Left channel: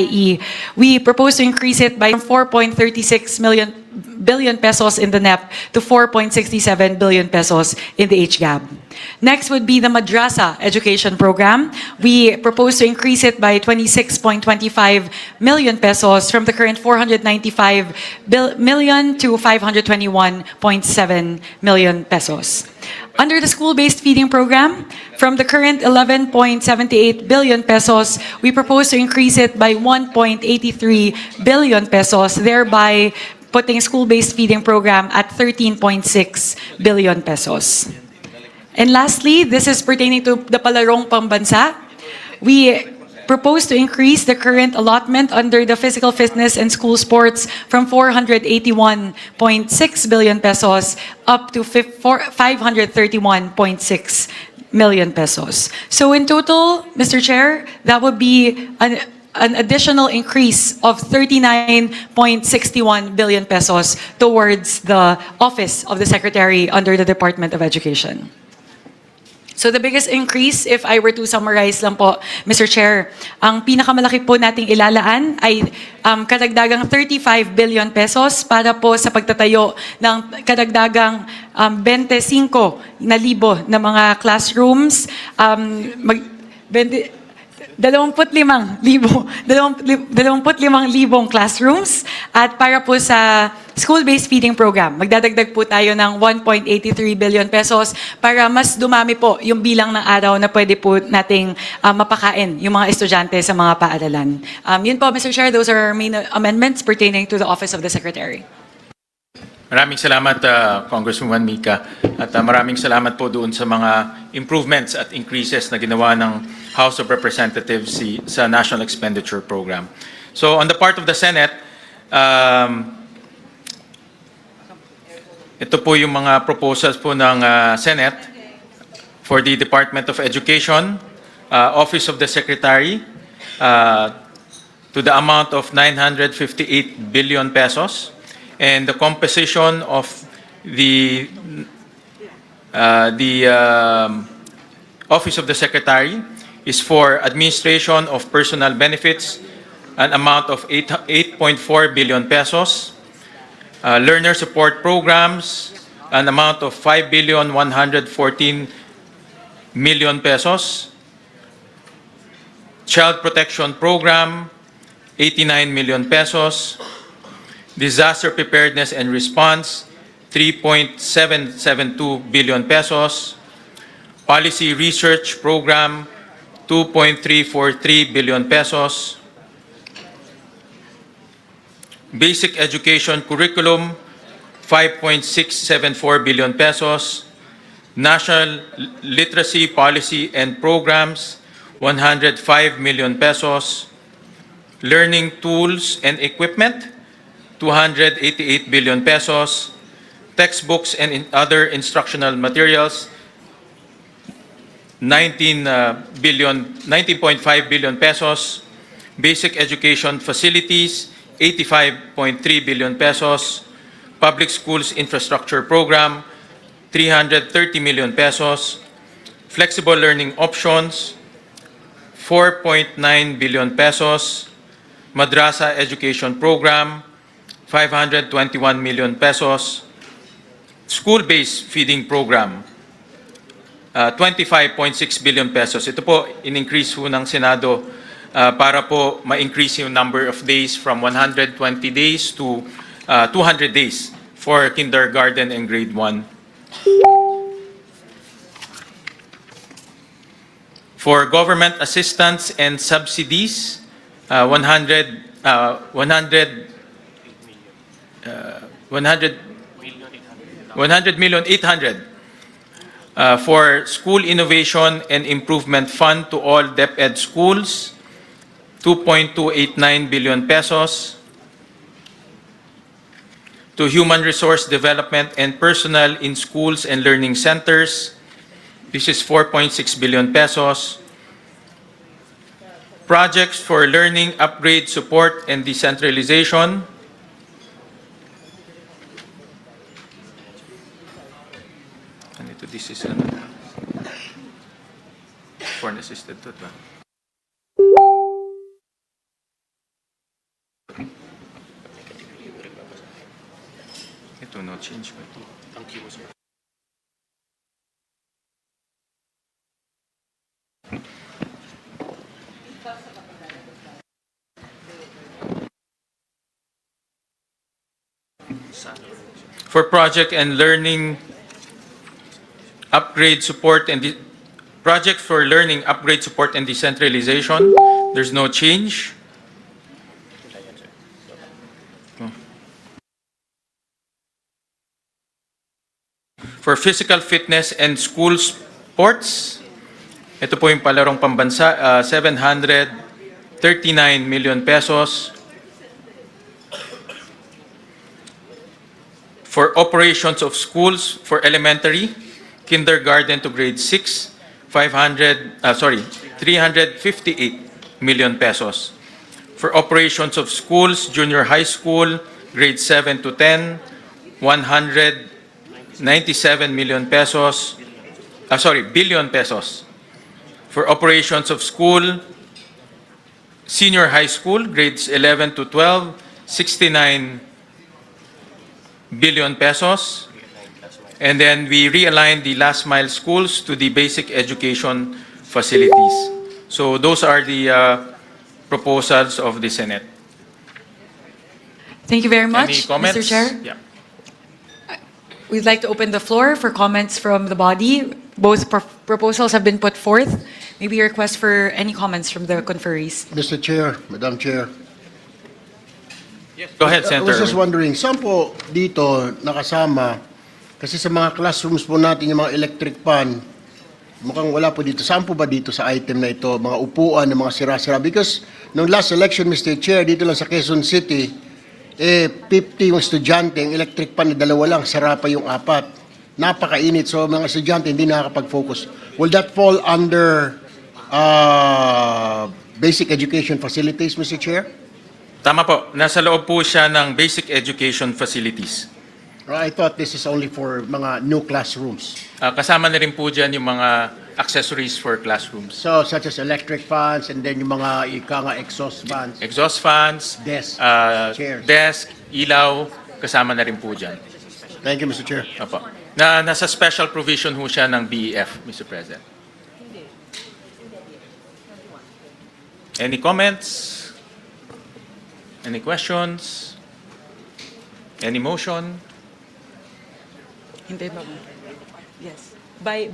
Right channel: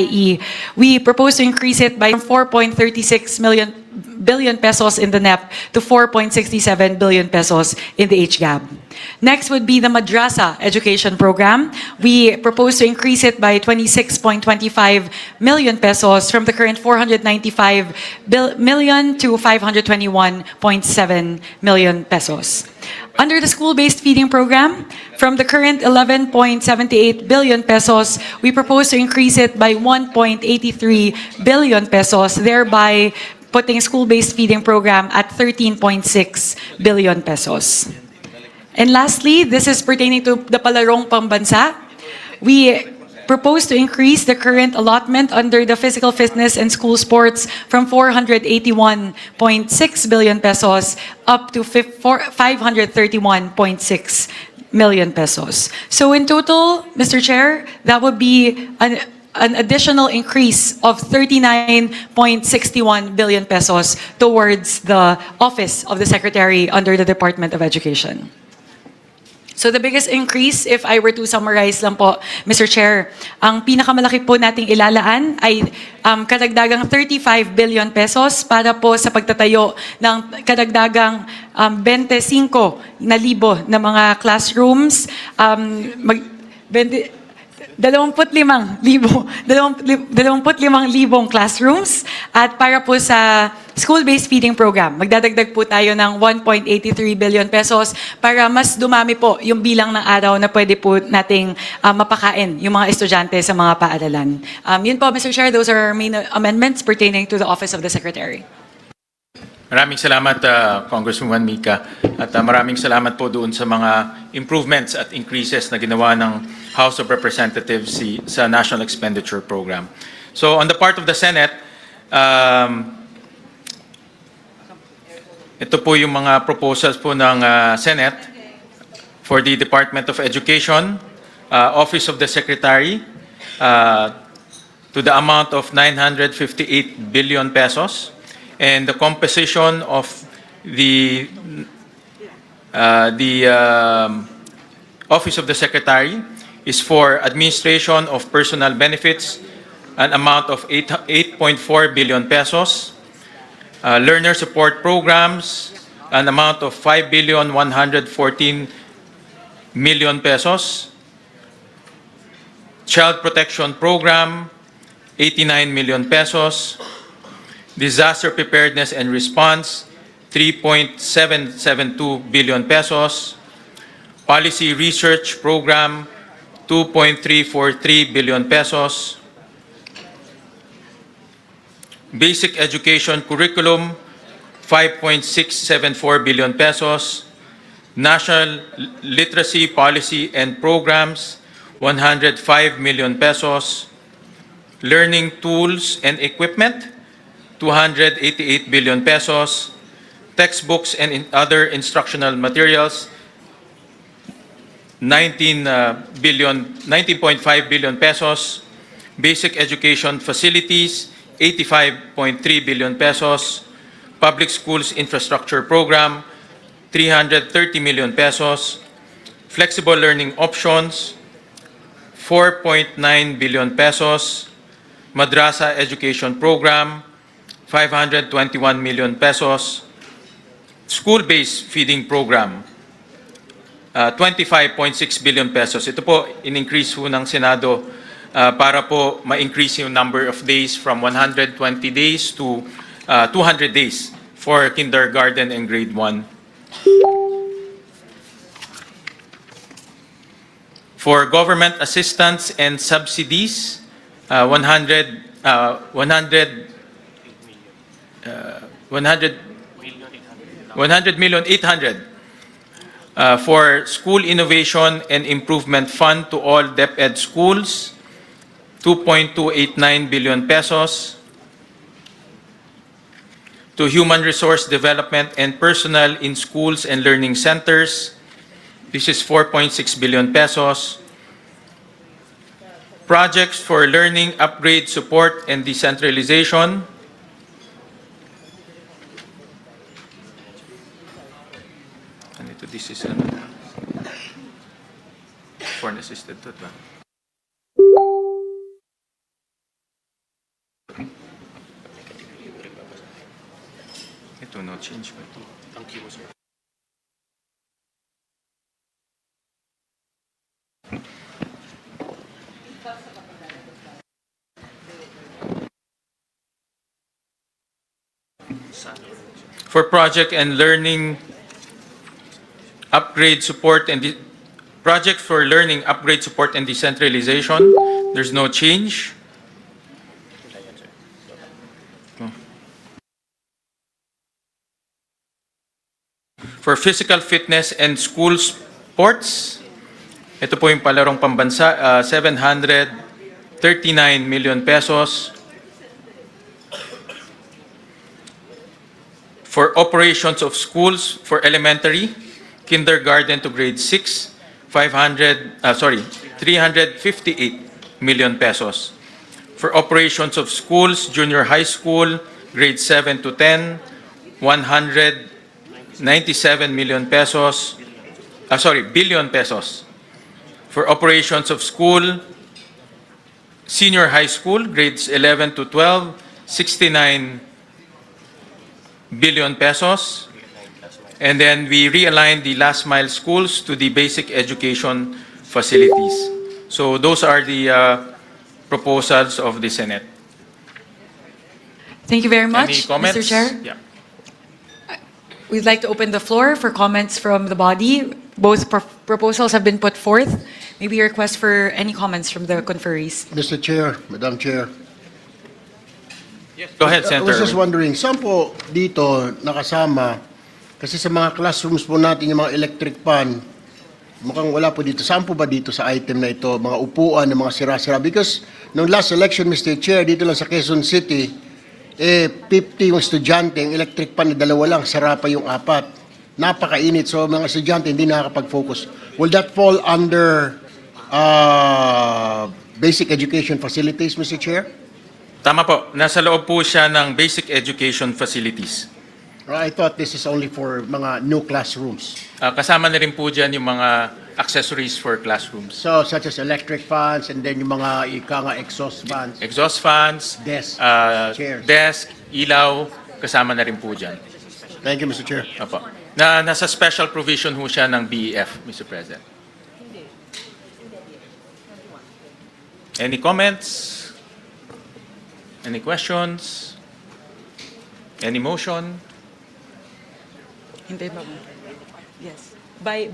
i.e., we propose to increase it by 4.36 billion pesos in the NEP to 4.67 billion pesos in the HGAB. Next would be the Madrasa Education Program. We propose to increase it by 26.25 million pesos from the current 495 million to 521.7 million pesos. Under the school-based feeding program, from the current 11.78 billion pesos, we propose to increase it by 1.83 billion pesos, thereby putting school-based feeding program at 13.6 billion pesos. And lastly, this is pertaining to the Palarong Pambansa. We propose to increase the current allotment under the physical fitness and school sports from 481.6 billion pesos up to 531.6 million pesos. So in total, Mr. Chair, that would be an additional increase of 39.61 billion pesos towards the Office of the Secretary under the Department of Education. So the biggest increase, if I were to summarize lang po, Mr. Chair, ang pinakamalaki po nating ilalaan ay kadagdagang 35 billion pesos para po sa pagtatayo ng kadagdagang 25,000 na mga classrooms, 25,000 classrooms, at para po sa school-based feeding program, magdadagdag po tayo ng 1.83 billion pesos para mas dumami po yung bilang ng araw na pwede po nating mapakain yung mga estudyante sa mga paaralan. Yun po, Mr. Chair, those are our main amendments pertaining to the Office of the Secretary. Maraming salamat, Congresswoman Mika. At maraming salamat po doon sa mga improvements at increases na ginawa ng House of Representatives sa National Expenditure Program. So on the part of the Senate, ito po yung mga proposals po ng Senate for the Department of Education, Office of the Secretary, to the amount of 958 billion pesos. And the composition of the Office of the Secretary is for administration of personal benefits, an amount of 8.4 billion pesos, learner support programs, an amount of 5,114 million pesos, child protection program, 89 million pesos, disaster preparedness and response, 3.772 billion pesos, policy research program, 2.343 billion pesos, basic education curriculum, 5.674 billion pesos, national literacy policy and programs, 105 million pesos, learning tools and equipment, 288 billion pesos, textbooks and other instructional materials, 19.5 billion pesos, basic education facilities, 85.3 billion pesos, public schools infrastructure program, 330 million pesos, flexible learning options, 4.9 billion pesos, madrasa education program, 521 million pesos, school-based feeding program, 25.6 billion pesos. Ito po, in-increase po ng Senado para po ma-increase yung number of days from 120 days to 200 days for kindergarten and grade 1. For government assistance and subsidies, 100 million 800 for School Innovation and Improvement Fund to all DepEd schools, 2.289 billion pesos. To Human Resource Development and Personnel in Schools and Learning Centers, this is 4.6 billion pesos. Projects for learning, upgrade, support, and decentralization, this is foreign assisted to Ito, no change ba ito? For project and learning upgrade support and project for learning upgrade support and decentralization, there's no change. For physical fitness and school sports, ito po yung palarong pambansa, 739 million pesos. For operations of schools for elementary, kindergarten to grade 6, 358 million pesos. For operations of schools, junior high school, grade 7 to 10, 197 million pesos. Billion pesos. For operations of school, senior high school, grades 11 to 12, 69 billion pesos. And then we realigned the last mile schools to the basic education facilities. So those are the proposals of the Senate. Thank you very much, Mr. Chair. We'd like to open the floor for comments from the body. Both proposals have been put forth. Maybe a request for any comments from the conferees. Mr. Chair, Madam Chair. Go ahead, I was Senator. just wondering, saan po dito nakasama, kasi sa mga classrooms po natin yung mga electric fan, mukhang wala po dito. Saan po ba dito sa item na ito, mga upuan, ng mga sira-sira? Because nung last election, Mr. Chair, dito lang sa Quezon City, 50 yung estudyante, yung electric fan na dalawa lang, sara pa yung apat. Napakainit, so mga estudyante hindi nakakapag-focus. Will that fall under basic education facilities, Mr. Chair? Tama po. Nasa loob po siya ng basic education facilities. I thought this is only for mga new classrooms. Kasama na rin po dyan yung mga accessories for classrooms. So, such as electric fans and then yung mga exhaust fans. Exhaust fans, Desk, chairs. desk, ilaw, kasama na rin po dyan. Thank you, Mr. Chair. Opo. Nasa special provision ho siya ng BEF, Mr. President. Any comments? Any questions? Any motion? Hintay ba? Yes. By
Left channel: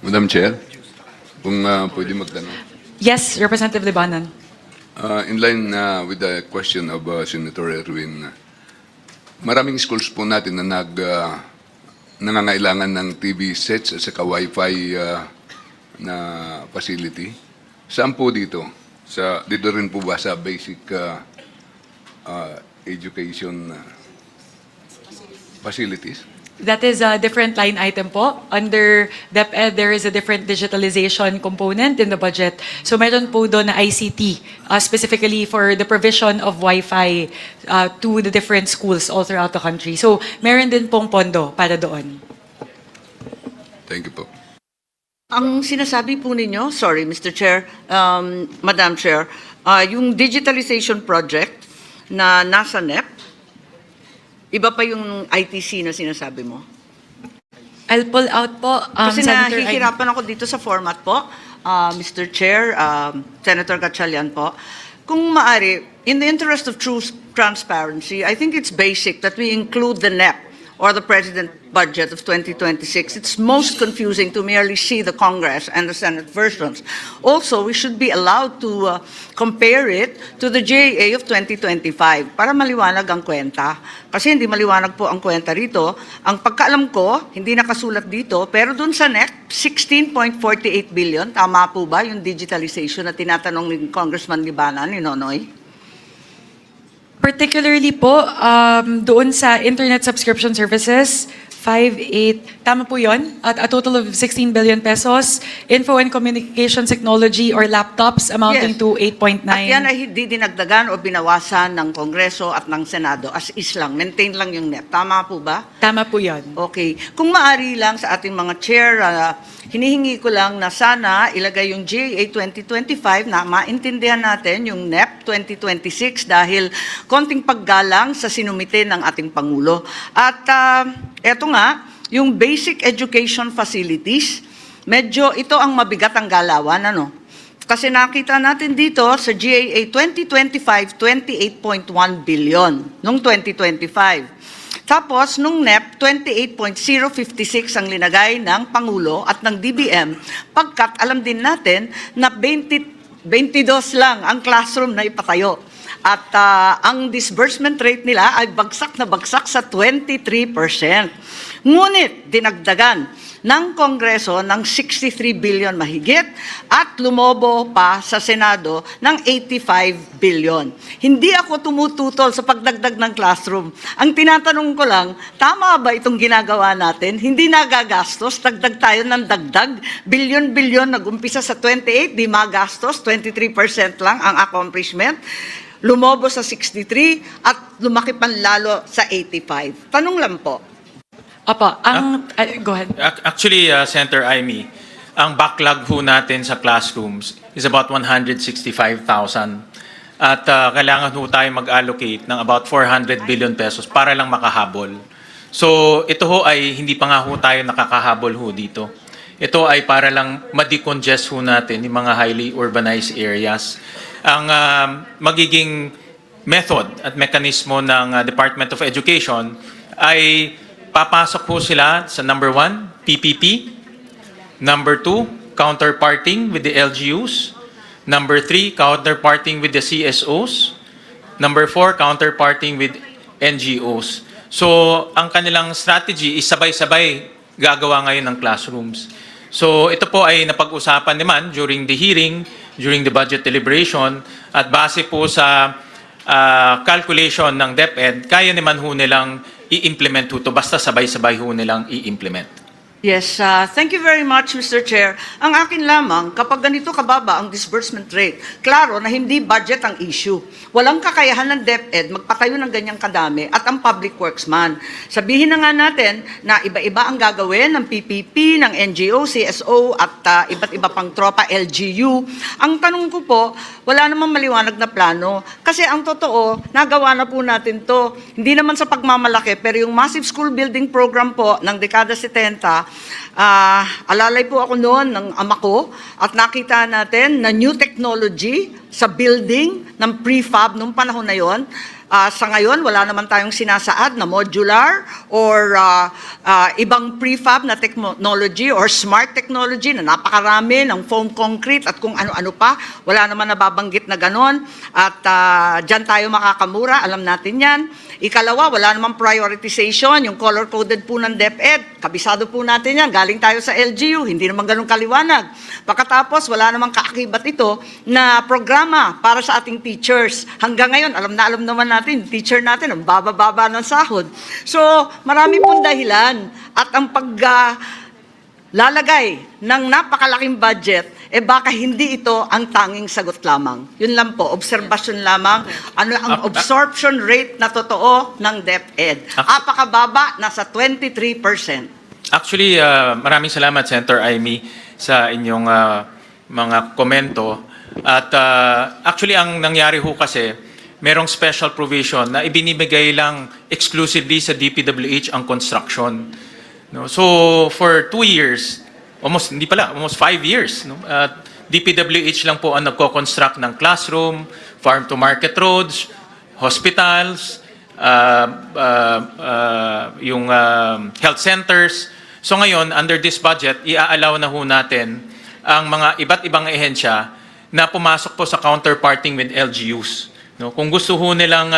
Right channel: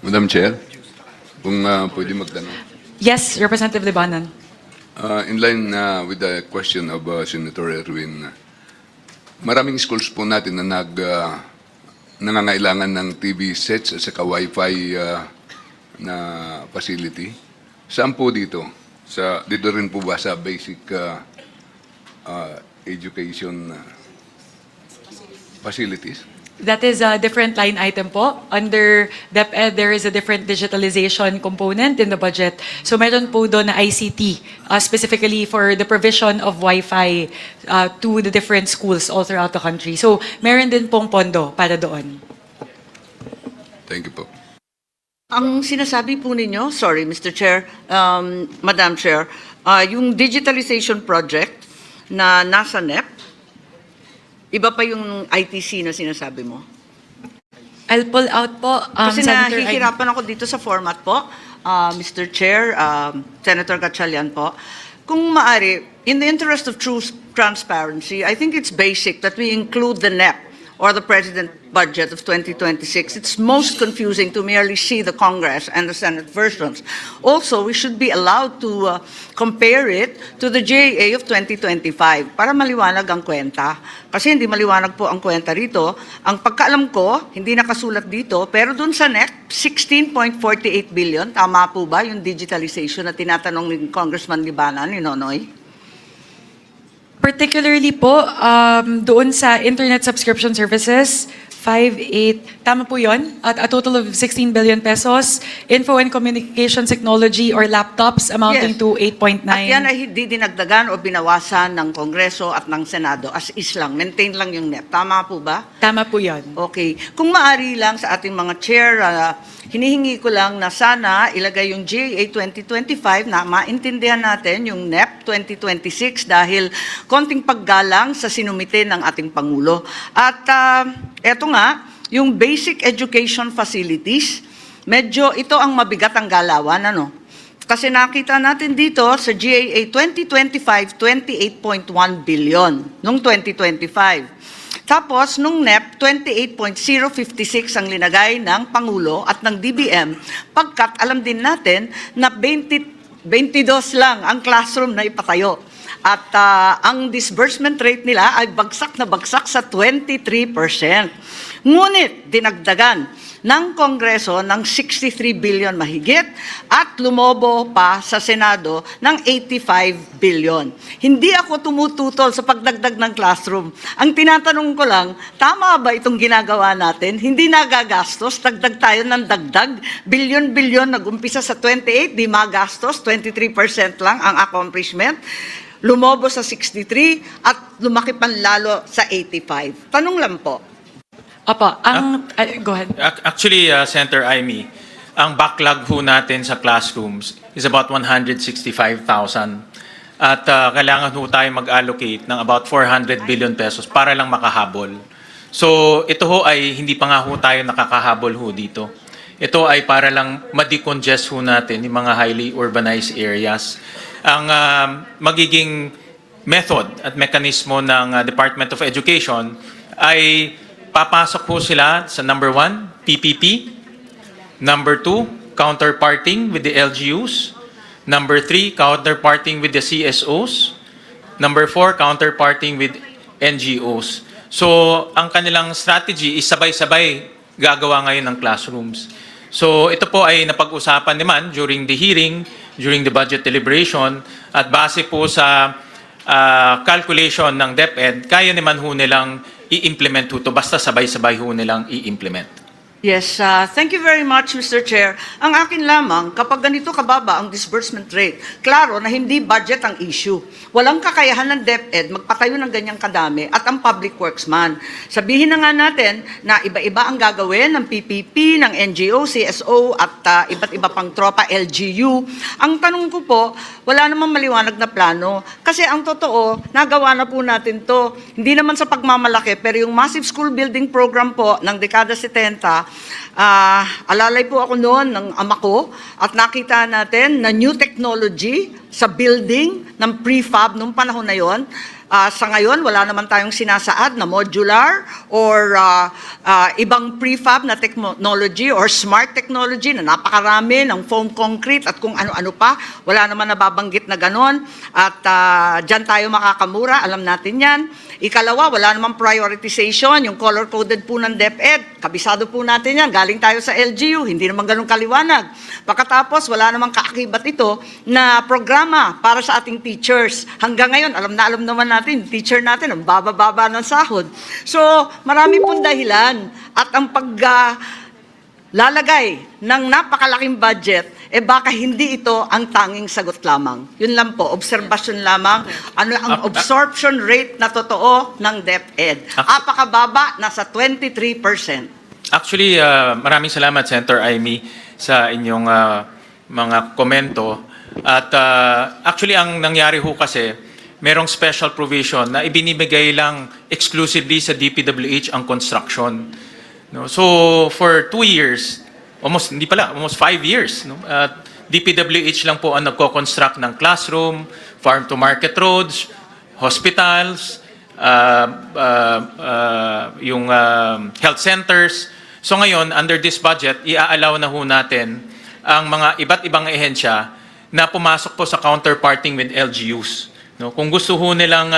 Madam Chair, kung pwede magtanong. yes, Representative Libanan. In line with the question of Senator Erwin, maraming schools po natin na nangangailangan ng TV sets at saka Wi-Fi na facility. Saan po dito? Dito rin po ba sa basic education facilities? That is a different line item po. Under DepEd, there is a different digitalization component in the budget. So meron po doon na ICT, specifically for the provision of Wi-Fi to the different schools all throughout the country. So meron din pong pondo para doon. Thank you po. Ang sinasabi po ninyo, sorry Mr. Chair, Madam Chair, yung digitalization project na nasa NEP, iba pa yung ITC na sinasabi mo? I'll pull out po, Kasi Senator Ivy. nahihirapan ako dito sa format po, Mr. Chair, Senator Gatchalian po. Kung maari, in the interest of true transparency, I think it's basic that we include the NEP or the President budget of 2026. It's most confusing to merely see the Congress and the Senate versions. Also, we should be allowed to compare it to the JA of 2025 para maliwanag ang kwenta. Kasi hindi maliwanag po ang kwenta rito. Ang pagkaalam ko, hindi nakasulat dito, pero dun sa NEP, 16.48 billion. Tama po ba yung digitalization na tinatanong ni Congressman Libana, ni Nonoy? Particularly po, doon sa internet subscription services, 5.8, tama po yun, at a total of 16 billion pesos. Info and communication technology or laptops amounting Yes. to 8.9. Yan ay hindi dinagdagan o binawasan ng Kongreso at ng Senado as is lang. Maintain lang yung NEP. Tama po ba? Tama po yan. Okay. Kung maari lang sa ating mga chair, hinihingi ko lang na sana ilagay yung JA 2025 na maintindihan natin yung NEP 2026 dahil konting paggalang sa sinumite ng ating Pangulo. At eto nga, yung basic education facilities, medyo ito ang mabigat ang galawan, ano? Kasi nakita natin dito sa GAA 2025, 28.1 billion nung 2025. Tapos, nung NEP, 28.056 ang linagay ng Pangulo at ng DBM, pagkat alam din natin na 22 lang ang classroom na ipatayo. At ang disbursement rate nila ay bagsak na bagsak sa 23%. Ngunit dinagdagan ng Kongreso ng 63 billion mahigit at lumobo pa sa Senado ng 85 billion. Hindi ako tumututol sa pagdagdag ng classroom. Ang tinatanong ko lang, tama ba itong ginagawa natin? Hindi nagagastos, dagdag tayo ng dagdag. Bilyon-bilyon, nag-umpisa sa 28, di magastos, 23% lang ang accomplishment. Lumobo sa 63 at lumaki pa lalo sa 85. Tanong lang po. Opo, go ahead. Actually, Senator Ivy, ang backlog po natin sa classrooms is about 165,000. At kailangan po tayo mag-allocate ng about 400 billion pesos para lang makahabol. So, ito ho ay hindi pa nga ho tayo nakakahabol ho dito. Ito ay para lang ma-decongest ho natin yung mga highly urbanized areas. Ang magiging method at mekanismo ng Department of Education ay papasok po sila sa number 1, PPP, number 2, counterparting with the LGUs, number 3, counterparting with the CSOs, number 4, counterparting with NGOs. So, ang kanilang strategy is sabay-sabay gagawa ngayon ng classrooms. So, ito po ay napag-usapan naman during the hearing, during the budget deliberation, at base po sa calculation ng DepEd, kaya naman ho nilang i-implement ho to, basta sabay-sabay ho nilang i-implement. Yes, thank you very much, Mr. Chair. Ang akin lamang, kapag ganito kababa ang disbursement rate, klaro na hindi budget ang issue. Walang kakayahan ng DepEd magpatayo ng ganyang kadami at ang public works man. Sabihin na nga natin na iba-iba ang gagawin ng PPP, ng NGO, CSO at iba't iba pang tropa, LGU. Ang tanong ko po, wala namang maliwanag na plano. Kasi ang totoo, nagawa na po natin to. Hindi naman sa pagmamalaki, pero yung massive school building program po ng dekada 70, alalay po ako noon ng ama ko at nakita natin na new technology sa building ng prefab nung panahon na yon. Sa ngayon, wala naman tayong sinasaad na modular or ibang prefab na technology or smart technology na napakarami ng foam concrete at kung ano-ano pa. Wala naman nababanggit na ganon. At dyan tayo makakamura, alam natin yan. Ikalawa, wala namang prioritization, yung color-coded po ng DepEd. Kabisado po natin yan, galing tayo sa LGU, hindi naman ganun kaliwanag. Pagkatapos, wala namang kaakibat ito na programa para sa ating teachers. Hanggang ngayon, alam naman natin, teacher natin, ang baba-baba ng sahod. So, marami pong dahilan at ang lalagay ng napakalaking budget, baka hindi ito ang tanging sagot lamang. Yun lang po, obserbasyon lamang. Ano ang absorption rate na totoo ng DepEd? Apakababa, nasa 23%. Actually, maraming salamat, Senator Amy. sa inyong mga komento. At actually, ang nangyari ho kasi, merong special provision na ibinibigay lang exclusively sa DPWH ang construction. No? So, for 2 years, almost 5 years, no? DPWH lang po ang nagko-construct ng classroom, farm-to-market roads, hospitals, yung health centers. So ngayon, under this budget, i-allow na ho natin ang mga iba't ibang ehensya na pumasok po sa counterparting with LGUs. No? Kung gusto ho nilang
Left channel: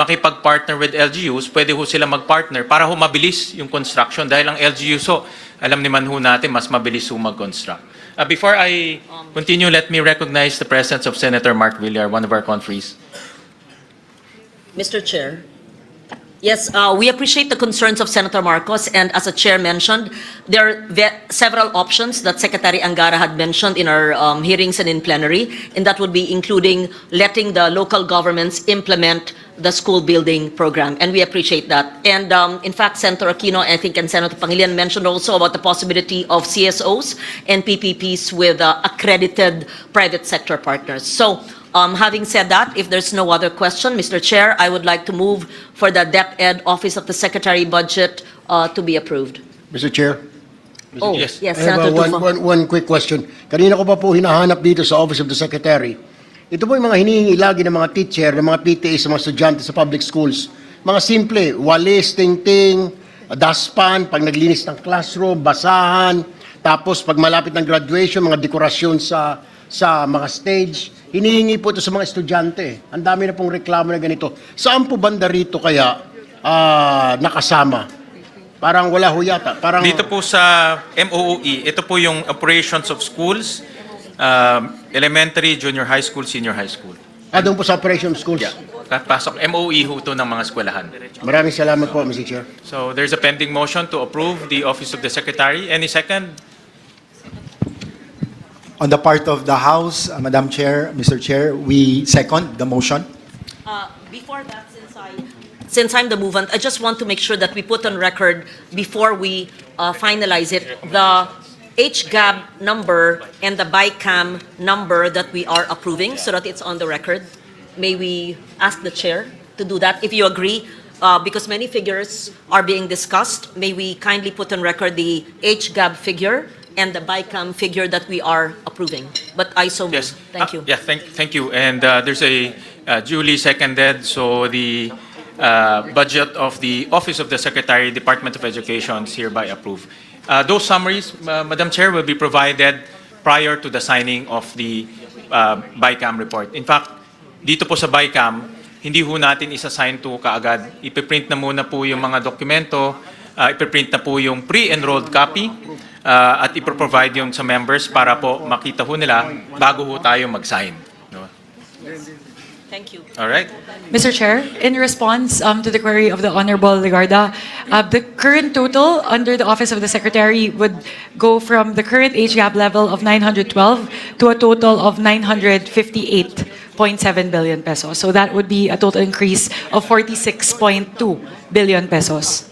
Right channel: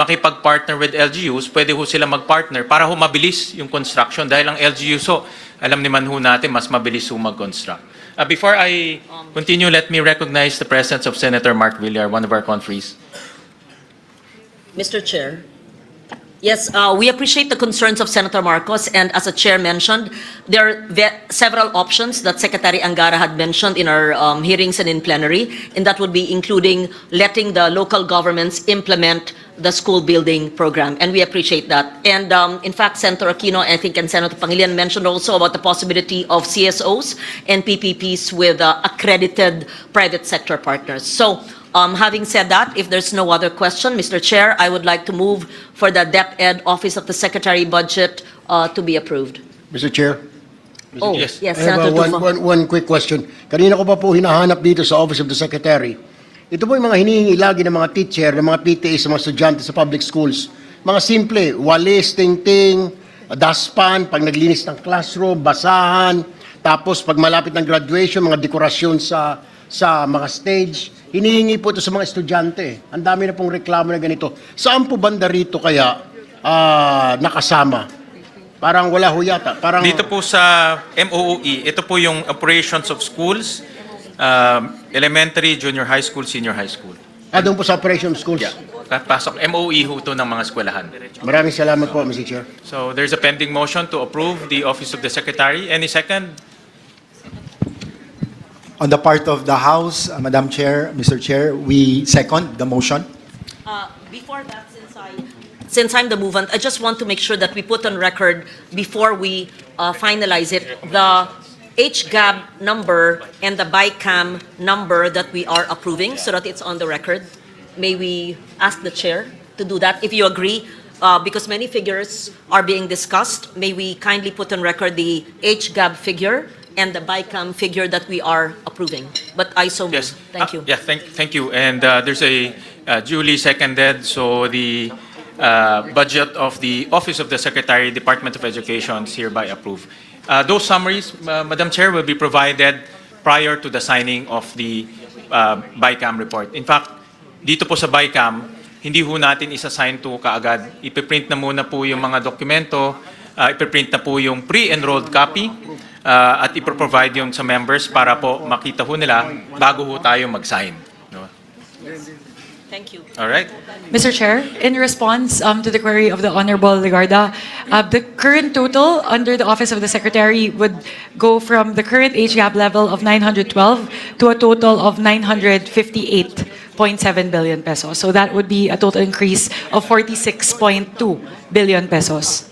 makipag-partner with LGUs, pwede ho sila mag-partner para ho mabilis yung construction dahil ang LGUs ho, alam naman ho natin, mas mabilis ho mag-construct. Before I continue, let me recognize the presence of Senator Mark Villar, one of our conferees. Mr. Chair. Yes, we appreciate the concerns of Senator Marcos, and as the chair mentioned, there are several options that Secretary Angara had mentioned in our hearings and in plenary, and that would be including letting the local governments implement the school building program, and we appreciate that. And in fact, Senator Aquino, I think, and Senator Pangilinan mentioned also about the possibility of CSOs and PPPs with accredited private sector partners. So, having said that, if there's no other question, Mr. Chair, I would like to move for the DepEd Office of the Secretary budget to be approved. Mr. Chair? Oh, Yes. yes, I have Senator Tulfo. one quick question. Kanina ko pa po hinahanap dito sa Office of the Secretary. Ito po yung mga hinihingi lagi ng mga teacher, ng mga PTA sa mga estudyante sa public schools. Mga simple, walis, tingting, dustpan, pag naglinis ng classroom, basahan, tapos pag malapit ng graduation, mga dekorasyon sa mga stage. Hinihingi po ito sa mga estudyante. Ang dami na pong reklamo na ganito. Saan po banda rito kaya nakasama? Parang wala ho yata. Parang, Dito po sa MOOE, ito po yung operations of schools, elementary, junior high school, senior high school. doon po sa operation schools. Pasok, MOE ho ito ng mga eskwelahan. Maraming salamat po, Mr. Chair. So there's a pending motion to approve the Office of the Secretary. Any second? On the part of the House, Madam Chair, Mr. Chair, we second the motion. Before that, since I'm the movant, I just want to make sure that we put on record before we finalize it, the HGAB number and the BICAM number that we are approving so that it's on the record. May we ask the chair to do that, if you agree? Because many figures are being discussed, may we kindly put on record the HGAB figure and the BICAM figure that we are approving? But I so move. Yes. Thank you. Yeah, thank you. And there's a duly seconded, so the budget of the Office of the Secretary, Department of Education is hereby approved. Those summaries, Madam Chair, will be provided prior to the signing of the BICAM report. In fact, dito po sa BICAM, hindi ho natin isa-sign to kaagad. Ipiprint na muna po yung mga dokumento, ipiprint na po yung pre-enrolled copy, at iproprovide yung sa members para po makita ho nila bago ho tayo mag-sign. No? Thank you. All right? Mr. Chair, in response to the query of the Honorable Legarda, the current total under the Office of the Secretary would go from the current HGAP level of 912 to a total of 958.7 billion pesos. So that would be a total increase of 46.2 billion pesos.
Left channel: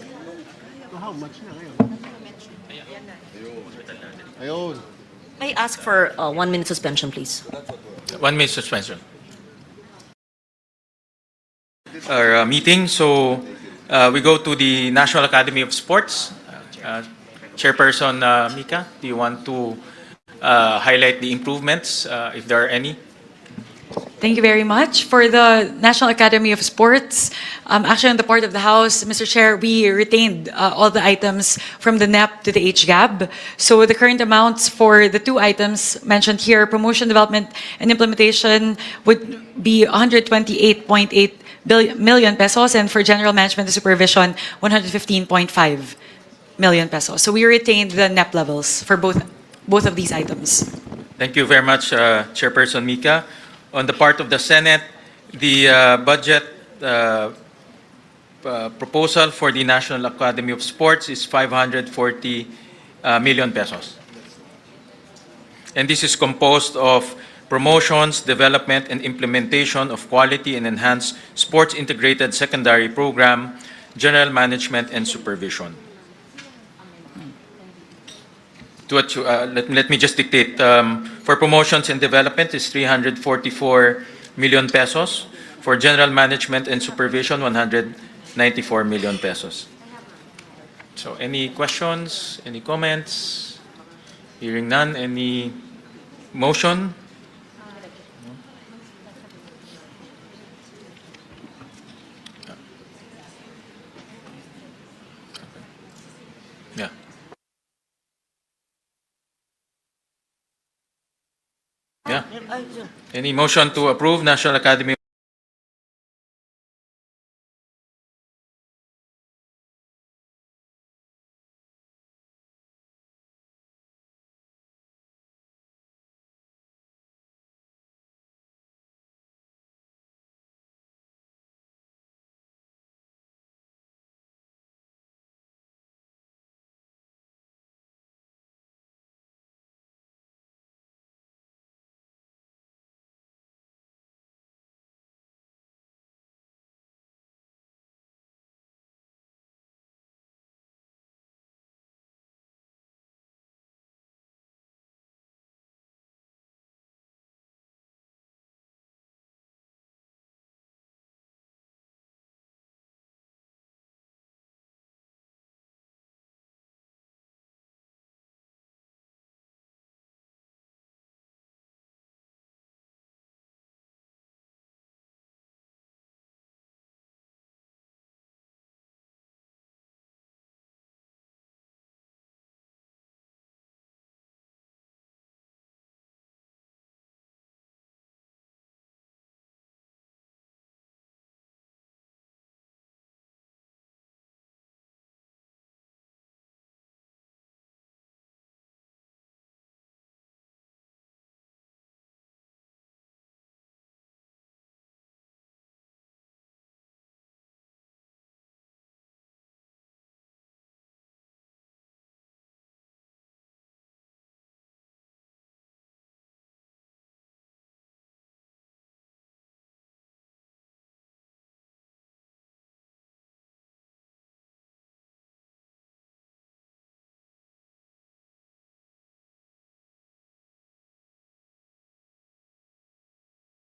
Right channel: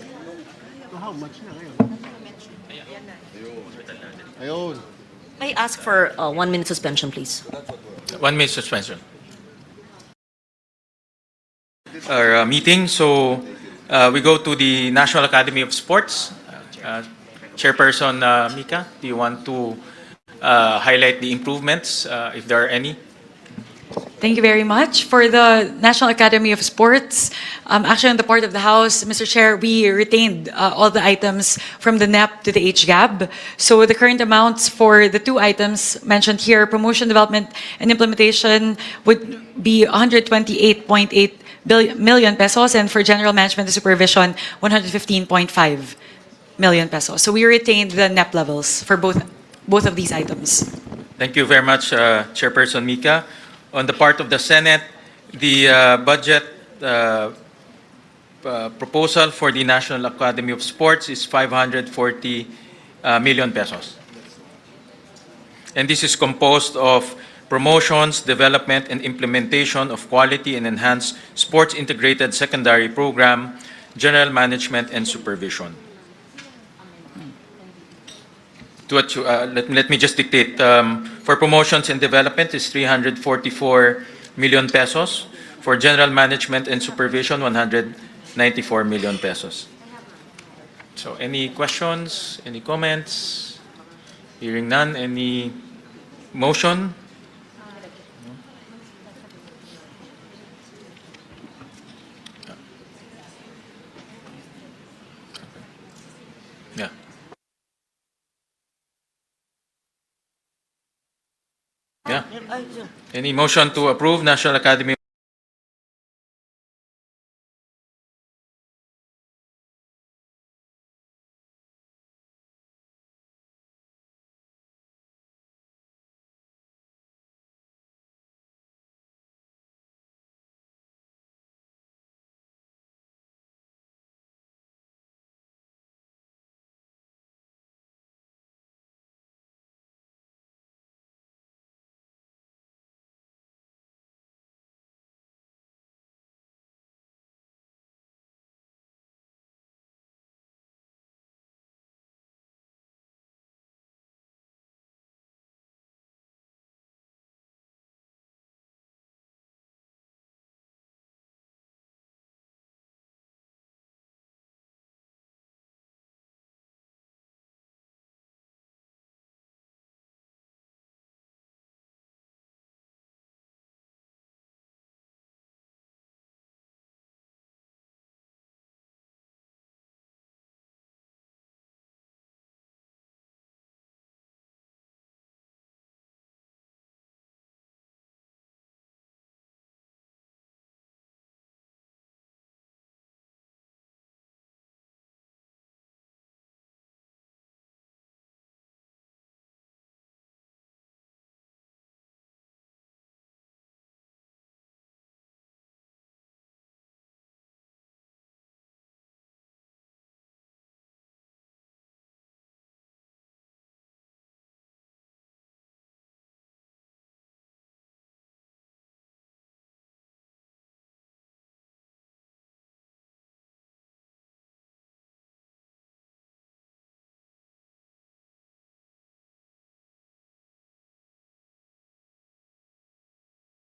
I ask for 1 minute suspension, please. 1 minute suspension. Our meeting. So we go to the National Academy of Sports. Chairperson Mika, do you want to highlight the improvements, if there are any? Thank you very much. For the National Academy of Sports, actually on the part of the House, Mr. Chair, we retained all the items from the NEP to the HGAB. So the current amounts for the two items mentioned here, promotion, development, and implementation, would be 128.8 million pesos, and for general management and supervision, 115.5 million pesos. So we retained the NEP levels for both of these items. Thank you very much, Chairperson Mika. On the part of the Senate, the budget proposal for the National Academy of Sports is 540 million pesos. And this is composed of promotions, development, and implementation of quality and enhanced sports integrated secondary program, general management, and supervision. let me just dictate. For promotions and development is 344 million pesos. For general management and supervision, 194 million pesos. So any questions, any comments? Hearing none, any motion? Yeah. Yeah. Any motion to approve National Academy